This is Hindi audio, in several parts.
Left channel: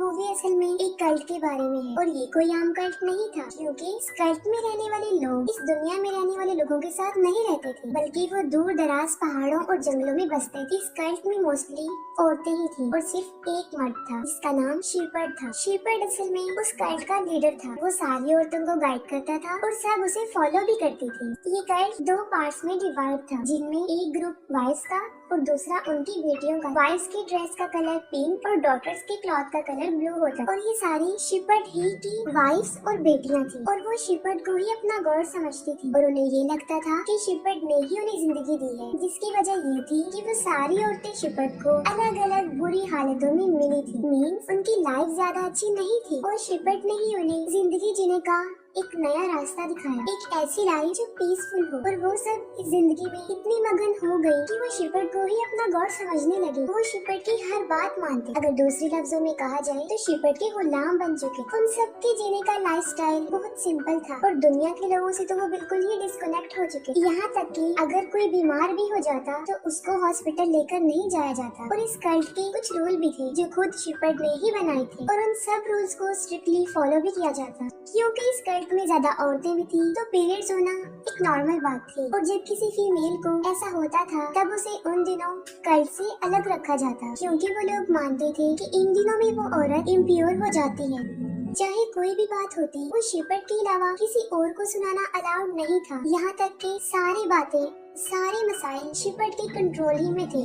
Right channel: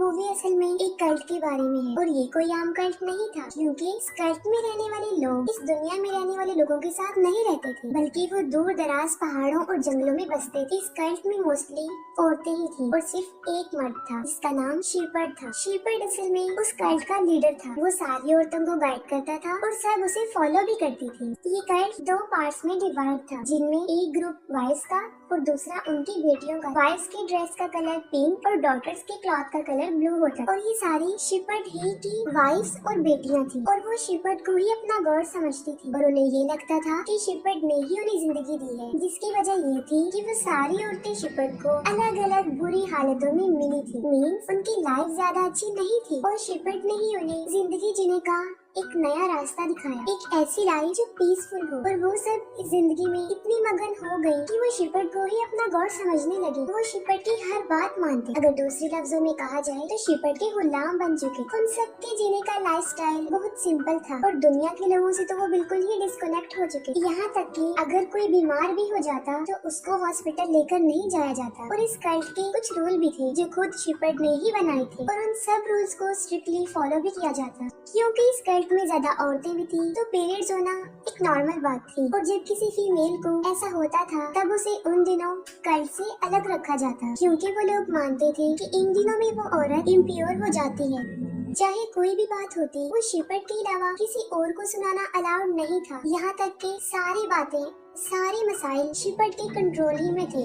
मूवी असल में एक कल्ट के बारे में है और ये कोई आम कल्ट नहीं था, क्योंकि इस कल्ट में रहने वाले लोग इस दुनिया में रहने वाले लोगों के साथ नहीं रहते थे, बल्कि वो दूर दराज पहाड़ों और जंगलों में बसते थे। इस कल्ट में मोस्टली औरतें ही थी और सिर्फ एक मर्द था, जिसका नाम शेपर्ड था। शेपर्ड असल में उस कल्ट का लीडर था। वो सारी औरतों को गाइड करता था और सब उसे फॉलो भी करती थी। ये कल्ट दो पार्ट्स में डिवाइड था, जिनमें एक ग्रुप वाइफ्स का और दूसरा उनकी बेटियों का। वाइफ्स की ड्रेस का कलर पिंक और डॉटर्स के क्लॉथ का कलर ब्लू होता, और ये सारी शेपर्ड ही की वाइफ्स और बेटियां थी, और वो शेपर्ड को ही अपना गॉड समझती थी और उन्हें ये लगता था कि शेपर्ड ने ही उन्हें जिंदगी दी है, जिसकी वजह ये थी कि वो सारी औरतें शेपर्ड को अलग अलग बुरी हालतों में मिली थी। मीन्स उनकी लाइफ ज्यादा अच्छी नहीं थी और शेपर्ड ने ही उन्हें जिंदगी जीने का एक नया रास्ता दिखाया, एक ऐसी लाइफ जो पीसफुल हो। और वो सब इस जिंदगी में इतनी मगन हो गई कि वो शेपर्ड को ही अपना गॉड समझने लगे। वो शेपर्ड की हर बात मानते। अगर दूसरे लफ्जों में कहा जाए तो शेपर्ड के गुलाम बन चुके। उन सबके जीने का लाइफस्टाइल बहुत सिंपल था और दुनिया के लोगों से तो वो बिल्कुल ही डिस्कनेक्ट हो चुके। यहाँ तक कि अगर कोई बीमार भी हो जाता तो उसको हॉस्पिटल लेकर नहीं जाया जाता। और इस कल्ट के कुछ रूल भी थे जो खुद शेपर्ड ने ही बनाए थे, और उन सब रूल्स को स्ट्रिक्टली फॉलो भी किया जाता, क्योंकि इस कल्ट में ज्यादा औरतें भी थी तो पीरियड्स होना एक नॉर्मल बात थी। और जब किसी फीमेल को ऐसा होता था तब उसे उन दिनों कल्ट से अलग रखा जाता, क्योंकि वो लोग मानते थे कि इन दिनों में वो औरत इम्प्योर हो जाती है। चाहे कोई भी बात होती, वो शेपर्ड के अलावा किसी और को सुनाना अलाउड नहीं था। यहाँ तक कि सारी बातें, सारे मसाइल शेपर्ड के कंट्रोल ही में थे।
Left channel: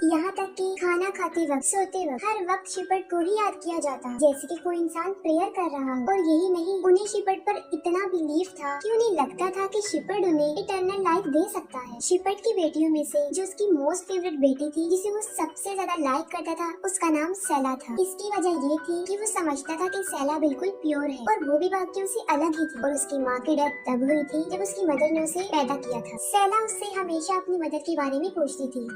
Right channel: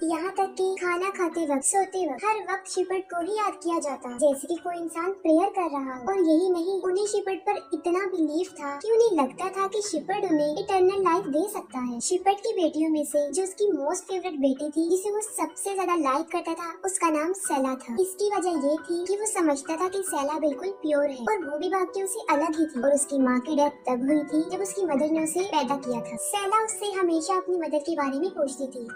यहाँ तक कि खाना खाते वक्त, सोते वक्त, हर वक्त शेपर्ड को ही याद किया जाता, जैसे कि कोई इंसान प्रेयर कर रहा हो। और यही नहीं, उन्हें शेपर्ड पर इतना बिलीफ था कि उन्हें लगता था कि शेपर्ड उन्हें इटर्नल लाइफ दे सकता है। शेपर्ड की बेटियों में से जो उसकी मोस्ट फेवरेट बेटी थी, जिसे वो सबसे ज्यादा लाइक करता था, उसका नाम सेला था। इसकी वजह ये थी कि वो समझता था कि सेला बिल्कुल प्योर है और वो भी बाकियों से अलग ही थी। और उसकी माँ की डेथ तब हुई थी जब उसकी मदर ने उसे पैदा किया था। सेला उससे हमेशा अपनी मदर के बारे में पूछती थी,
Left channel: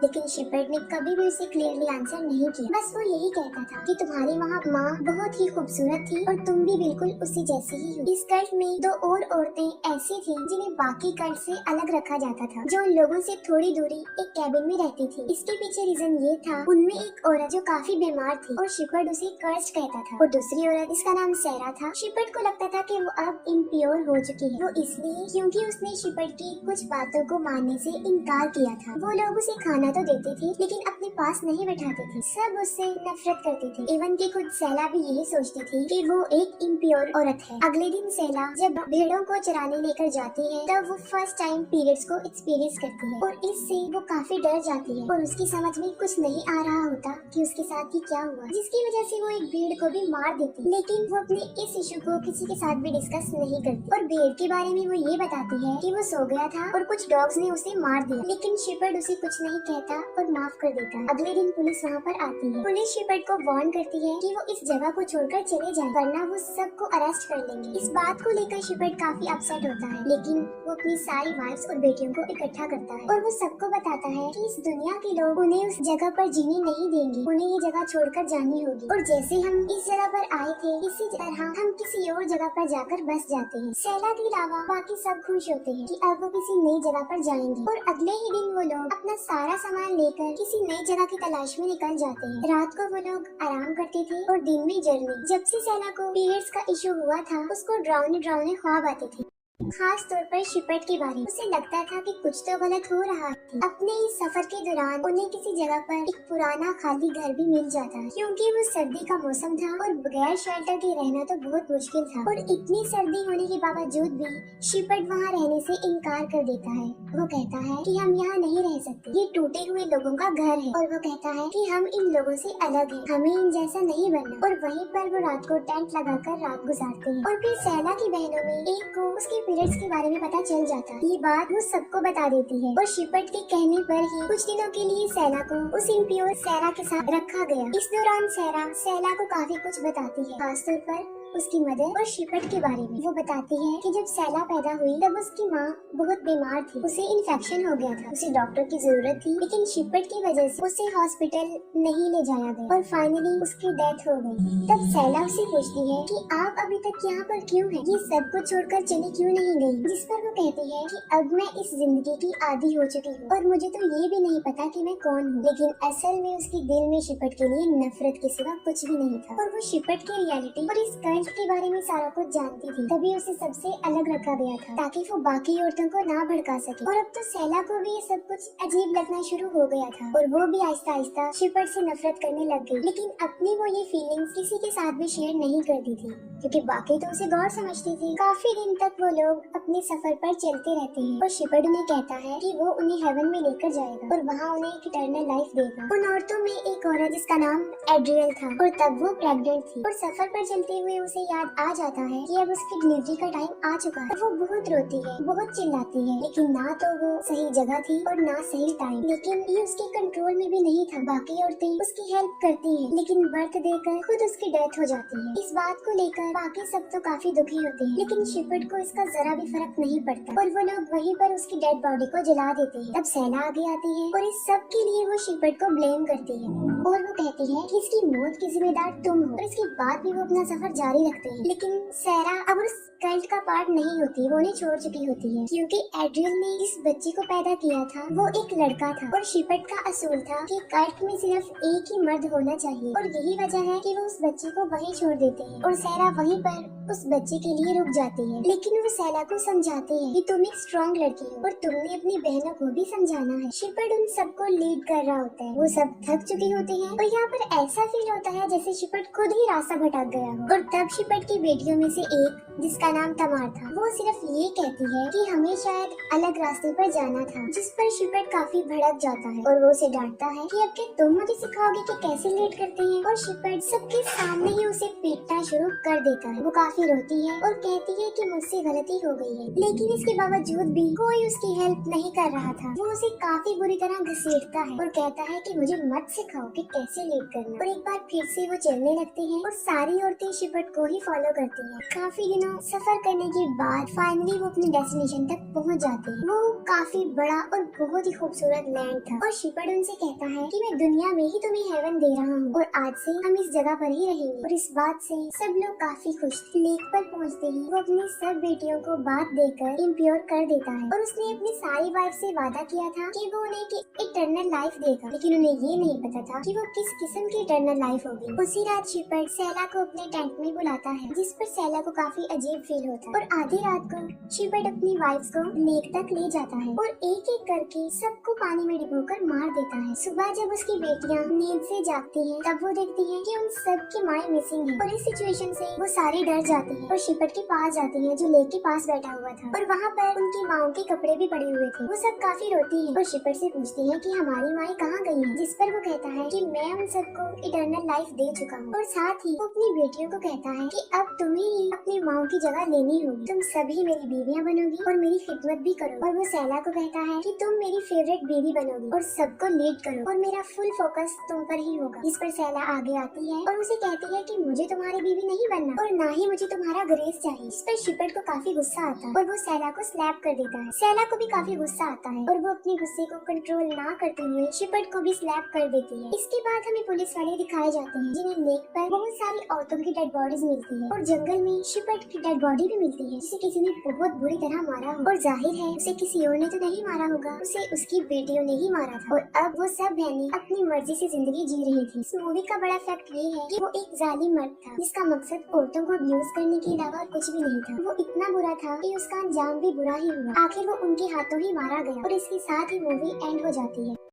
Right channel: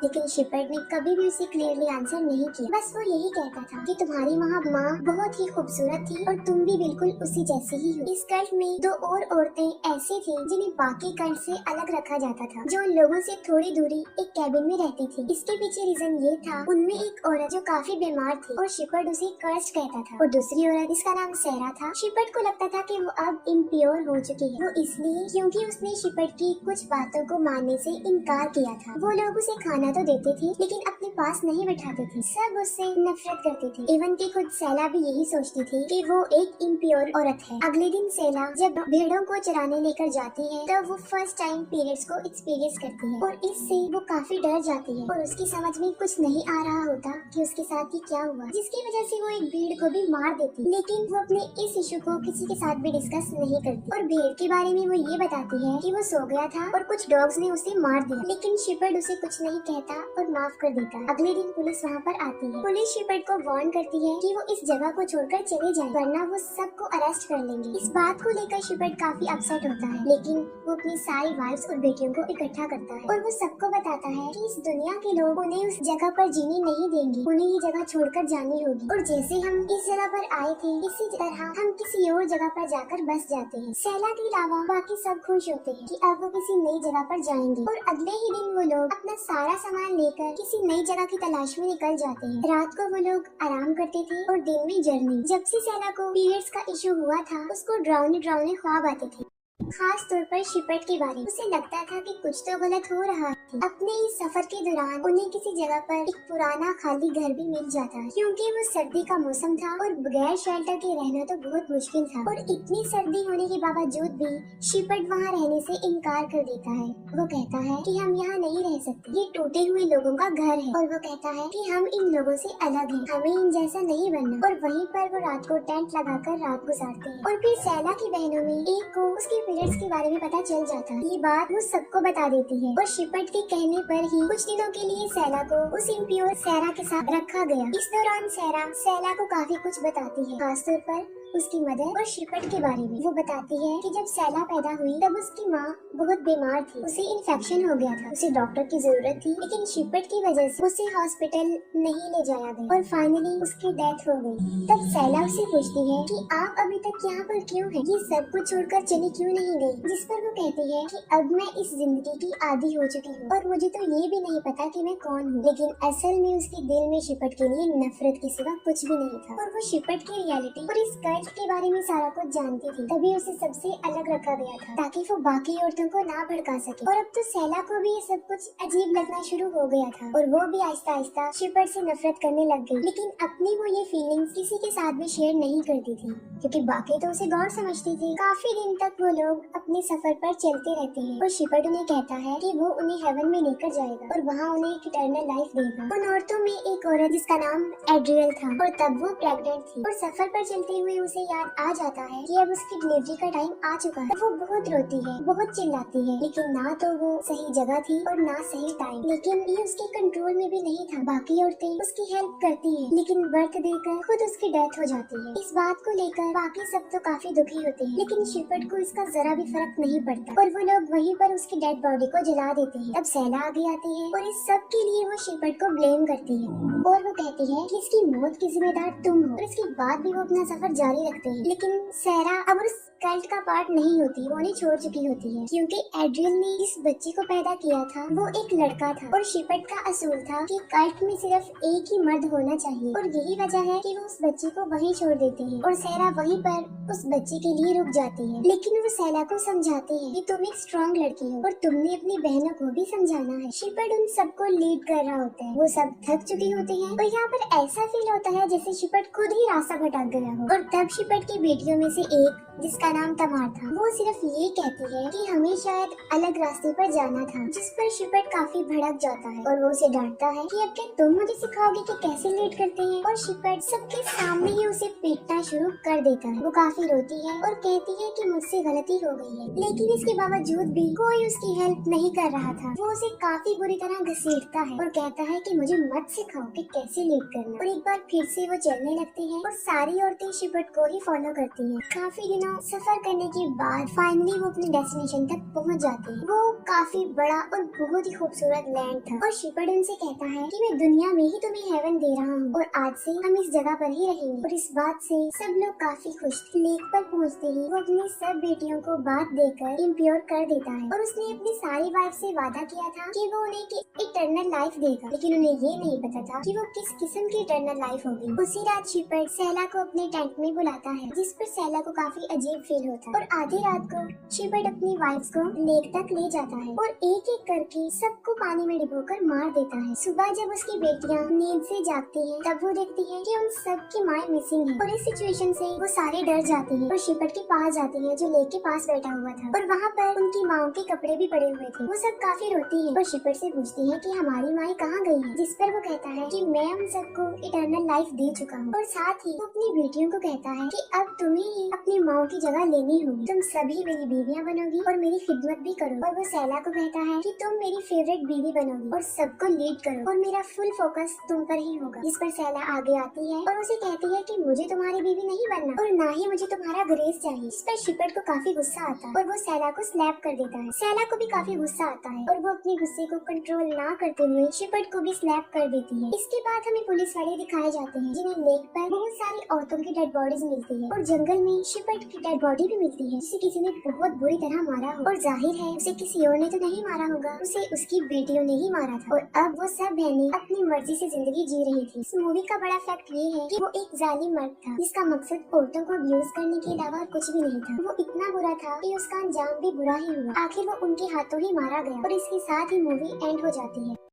लेकिन शेपर्ड ने कभी भी उसे क्लियरली आंसर नहीं किया। बस वो यही कहता था कि तुम्हारी माँ बहुत ही खूबसूरत थी और तुम भी बिल्कुल उसी जैसी ही हो। इस कल्ट में दो और औरतें ऐसी थी जिन्हें बाकी कल्ट से अलग रखा जाता था, जो उन लोगों से थोड़ी दूरी एक कैबिन में रहती थी। इसके पीछे रीजन ये था, उनमें एक औरत जो काफी बीमार थी और शेपर्ड उसे कर्स्ड कहता था, और दूसरी औरत जिसका नाम सेरा था। शेपर्ड को लगता था कि वो अब इम्प्योर हो चुकी है, वो इसलिए क्योंकि उसने शेपर्ड की कुछ बातों को मानने से इनकार किया था। वो लोग उसे खाना तो देते थे लेकिन अपने पास नहीं बिठाते थे, सब उससे नफरत करते थे। इवन की खुद सेला भी यही सोचती थी कि वो एक इम्प्योर औरत है। अगले दिन सेला जब भेड़ों को चराने लेकर जाती है तब वो फर्स्ट टाइम पीरियड्स को एक्सपीरियंस करती है, और इससे वो काफी डर जाती है और उसकी समझ में कुछ नहीं आ रहा होता कि उसके साथ ही क्या हुआ, जिसकी वजह से वो एक भेड़ को भी मार देती। लेकिन वो अपने इस इशू को किसी के साथ भी डिस्कस नहीं करती, और भेड़ के बारे में वो ये बताती है कि वो सो गया था और कुछ डॉग्स ने उसे मार दिया, लेकिन शेपर्ड उसे कुछ नहीं कहता और माफ कर देता। अगले दिन पुलिस वहाँ पर आती है। पुलिस शेपर्ड को वार्न करती है कि वो इस जगह को छोड़कर चले जाए, वरना वो सबको अरेस्ट कर लेंगे। इस बात को लेकर शेपर्ड काफी अपसेट होता है, लेकिन वो अपनी सारी वाइफ्स और बेटियों को इकट्ठा करता है और वो सबको बताता है कि इस दुनिया के लोग उन्हें उस जगह पर जीने नहीं देंगे, उन्हें ये जगह छोड़कर जानी होगी। और जैसे हम इस जगह पर आए थे, इसी तरह हम किसी और जगह पर जाकर बस जाते हैं। सेला के अलावा बाकी सब खुश होते हैं कि अब वो किसी नई जगह पर जाएंगे, और अगले ही दिन वो लोग अपना सारा सामान लेकर किसी नई जगह की तलाश में निकल जाते हैं। रात को वो लोग आराम करते थे और दिन में जर्नी। जब से सेला को पीरियड्स का इशू हुआ था, उसको डरावने ख्वाब आते थे, खास तौर पर शेपर्ड के बारे में। उसे लगता था कि कुछ तो गलत हो रहा है। अपने इस सफर के दौरान उन्हें किसी जगह पर एक पुराना खाली घर भी मिल जाता है, क्योंकि वो सर्दी का मौसम था और बगैर शेल्टर के रहना तो बहुत मुश्किल था। और इतनी सर्दी होने के बावजूद भी शेपर्ड वहाँ रहने से इनकार कर देता है। वो कहता है कि हम यहाँ नहीं रह सकते, ये टूटे हुए लोगों का घर है, और वो कहता है कि हम इन लोगों से अलग हैं, हमें इन जैसा नहीं बनना। और वहीं पर वो रात को टेंट लगाकर रात गुजारते हैं। और फिर सेला की बहनों में एक को उसके पीरियड्स के बारे में पता चल जाता है। ये बात वो सबको बता देती है, और शेपर्ड के कहने पर ही कुछ दिनों के लिए सेला को उस इम्प्योर सेरा के साथ रखा गया। इस दौरान सेला को काफी कुछ बताती है, खासतौर पर उसकी मदर और शिपट के बारे में। वो बताती है कि जब सैला पैदा हुई तब उसकी माँ बहुत बीमार थी, उसे इन्फेक्शन हो गया था, उसे डॉक्टर की जरूरत थी, लेकिन शिपट की वजह से उसे हॉस्पिटल नहीं ले जाया गया और फाइनली उसकी डेथ हो गई। तब सैला उसे पूछती है कि आप अभी तक यहाँ पर क्यों हैं? ये सब कुछ छोड़कर चली क्यों नहीं गई? जिस पर वो कहती है कि अब मैं इस जिंदगी की आदी हो चुकी हूँ और मुझे तो ये भी नहीं पता कि मैं कौन हूँ। लेकिन असल में उसके दिल में शिपट के लिए नफरत के सिवा कुछ भी नहीं था और वो शिपट की रियलिटी और इस कल्ट के बारे में सारा कुछ जानती थी। तभी उसे सबसे अलग रखा गया था ताकि वो बाकी औरतों को ना भड़का सके। और अब तो सैला को भी ये सब कुछ अजीब लगना शुरू हो गया था और वो भी आहिस्ता आहिस्ता शिपट से नफरत करने लग गई। लेकिन अपनी वो ये फीलिंग्स किसी के साथ भी शेयर नहीं करती थी क्योंकि बाकी तो उसे गौर समझती थी। काफी दिन तक वो लोग अपने सफर पर चलते रहते हैं और शिपट उन्हें कहता है कि वो उन्हें हेवन में लेकर जाएगा और वहाँ उन्हें एक इटर्नल लाइफ देगा। उन औरतों में एक औरत जिसका नाम एड्रियल था और तब वो प्रेग्नेंट थी और सफर पर चलते हुए उसे याद आ जाता है कि अब उसकी डिलीवरी का टाइम आ चुका है। वो बहुत रोती है, बहुत चिल्लाती है, लेकिन ना तो वो सही जगह थी और ना सही टाइम। लेकिन ये उसके कंट्रोल में भी नहीं था। बाकी औरतें उसकी हेल्प करती हैं, लेकिन बर्थ देकर खुद उसकी डेथ हो जाती है। इस बात को लेकर बाकी सब तो काफी दुखी होते हैं, लेकिन शिपट को इसका जरा भी फर्क नहीं पड़ता और वो लोग वहीं पर उसकी डेड बॉडी को जला देते हैं। तब सैला आगे आती है और इस सब के लिए वो शिपट को ब्लेम करती है और वो कहती है कि इसकी मौत की जिम्मेदार तुम हो। और इसके बाद भी वो अपना सफर जारी रखते हैं, लेकिन सैरा अब उस कल्ट का पार्ट नहीं होती, वो उन्हें छोड़ चुकी होती है क्योंकि एड्रियल ने इस बच्ची को पैदा किया था। वो एक लड़का था और शिपट का असूल था कि कल्ट में सिर्फ एक ही मर्द होना चाहिए और यही वजह है कि वो उस बच्चे को वहीं छोड़ देते हैं और सैरा वहीं पर उस बच्चे के लिए रुक जाती है। लेकिन वो सैला को समझाते हैं कि तुम एक स्ट्रॉन्ग लड़की हो और तुमने अपनी बहनों को भी समझाना है। शिपट उन सबको लीड कर रहा होता है, वो सब थक चुकी होती है और यहाँ पर ऐसा फील होता है जैसे शिपट खुद ही रास्ता भटक गया हो। और तब शिपट की बेटियों में से एक जिसका नाम तमार था, वो सिर्फ ये कहती है कि हमें शायद अलग रास्ते पर जाना था, जिस पर शिपट काफी भड़क जाता है और वो उसे डांटता है कि अब क्या तुम मुझे सिखाओगे कि कैसे लीड करते हैं। और शिपट सबके सामने ही उसे पीटना शुरू कर देता है। वो काफी रोती है और कहती है कि मुझसे गलती हो गई है, लेकिन इसके बावजूद भी कोई उसकी हेल्प नहीं कर रहा था। वो उसे काफी बुरी तरह घसीटता है और कहता है कि मुझे मत सिखाओ कि कैसे लीड करना। और एक बार फिर से वो चलने लगते हैं और सारी औरतें शिपट को ही फॉलो करती हैं। काफी दिनों सफर करने के बाद फाइनली वो अपने डेस्टिनेशन तक पहुंच जाते हैं। वो काफी बड़ा और बहुत ही खूबसूरत लैंड था और शिपट उनसे कहता है कि मैं दुनिया में ही तुम्हें हेवन दे रहा हूँ और आज से हम इस जगह पर ही रहेंगे। और इस बात से सब लोग काफी खुश थे। लेक पर पहुँचते ही वो अपनी सब बेटियों को बात देकर इम्प्योर कर देता है और उसने अपनी सारी वाइफ से वादा किया था कि वो उन्हें इटर्नल लाइफ देगा, लेकिन उन्हें ये नहीं पता था कि वो किस किस्म की इटर्नल लाइफ होगी। उसी रात शिपट सैला को अपने टेंट में बुलाता है, जिस पर सैला को काफी अजीब फील होता है और आधी रात को शिपट अपनी वाइफ को लेक तक ले जाता है और एक एक करके सबको पानी में डुबोकर मार देता है। सुबह जब उसकी बेटियां नींद से जागती हैं, तब वो देखती हैं कि उन सब की माँ मिसिंग है और इस सिचुएशन से वो सारे डर जाते हैं और शिपट के पास जाती है जो लेक के पास बैठा हुआ था और वहाँ पर उनकी माओ के कपड़े भी पड़े हुए थे। वो सब काफी रोती है और शिपट से पूछती है कि हमारी माँ कहाँ गई है, जिस पर वो कहता है कि मैं उन सबको इटर्नल लाइफ दे चुका हूँ। और साथ ही वो अपनी बेटियों को कहता है कि अब तुम्हें ही अपनी माँ की जगह लेनी होगी, तुम सभी मेरी बीवियाँ बनोगी और मेरी खिदमत भी करो। और वो सैला को कहता है कि तुम मेरी फेवरेट बीवी बनोगी और सबको लीड करो और मेरा फुल फोकस तुम पर ही होगा। जिस पर सैला आगे आती है और उसे कहती है कि मुझे तुम्हारी बीवी नहीं बनना और ना ही मुझे तुम्हारा ग्रेस चाहिए। इस पर शिपट को काफी गुस्सा आता है और वो सैला को स्लैप कर देता है। सैला को भी काफी गुस्सा आता है और वो अपने गुस्से को कंट्रोल ना करते हुए शिपट को भी स्लैप कर देती है। इसके बाद हमें पुलिस वाले दिखाए जाते हैं जिन्हें लेक पर बहुत सारी औरतों की डेड बॉडीज मिलती है और जंगल में शिपट की डेड बॉडी भी मिलती है जिसे किसी ने बहुत बुरी तरह मारा हो और जाहिर है उसे किसी और ने तो नहीं मारा होगा, उसे उसकी बेटियों ने ही मारा था। और अब वो सब बहनें अपनी मर्जी से जिंदगी जी रही थी। इस मूवी का बड़ा फैक्ट ये है कि वो एक जालिम मर्द था जिसका मकसद औरतों को अब्यूज करने के अलावा कुछ भी नहीं था। वो इतना बुरा था कि उसका अंजाम भी बुरा ही हुआ। आखिर वो उनके हाथों ही मारा गया और इसके साथ ही मूवी एंड हो जाती है।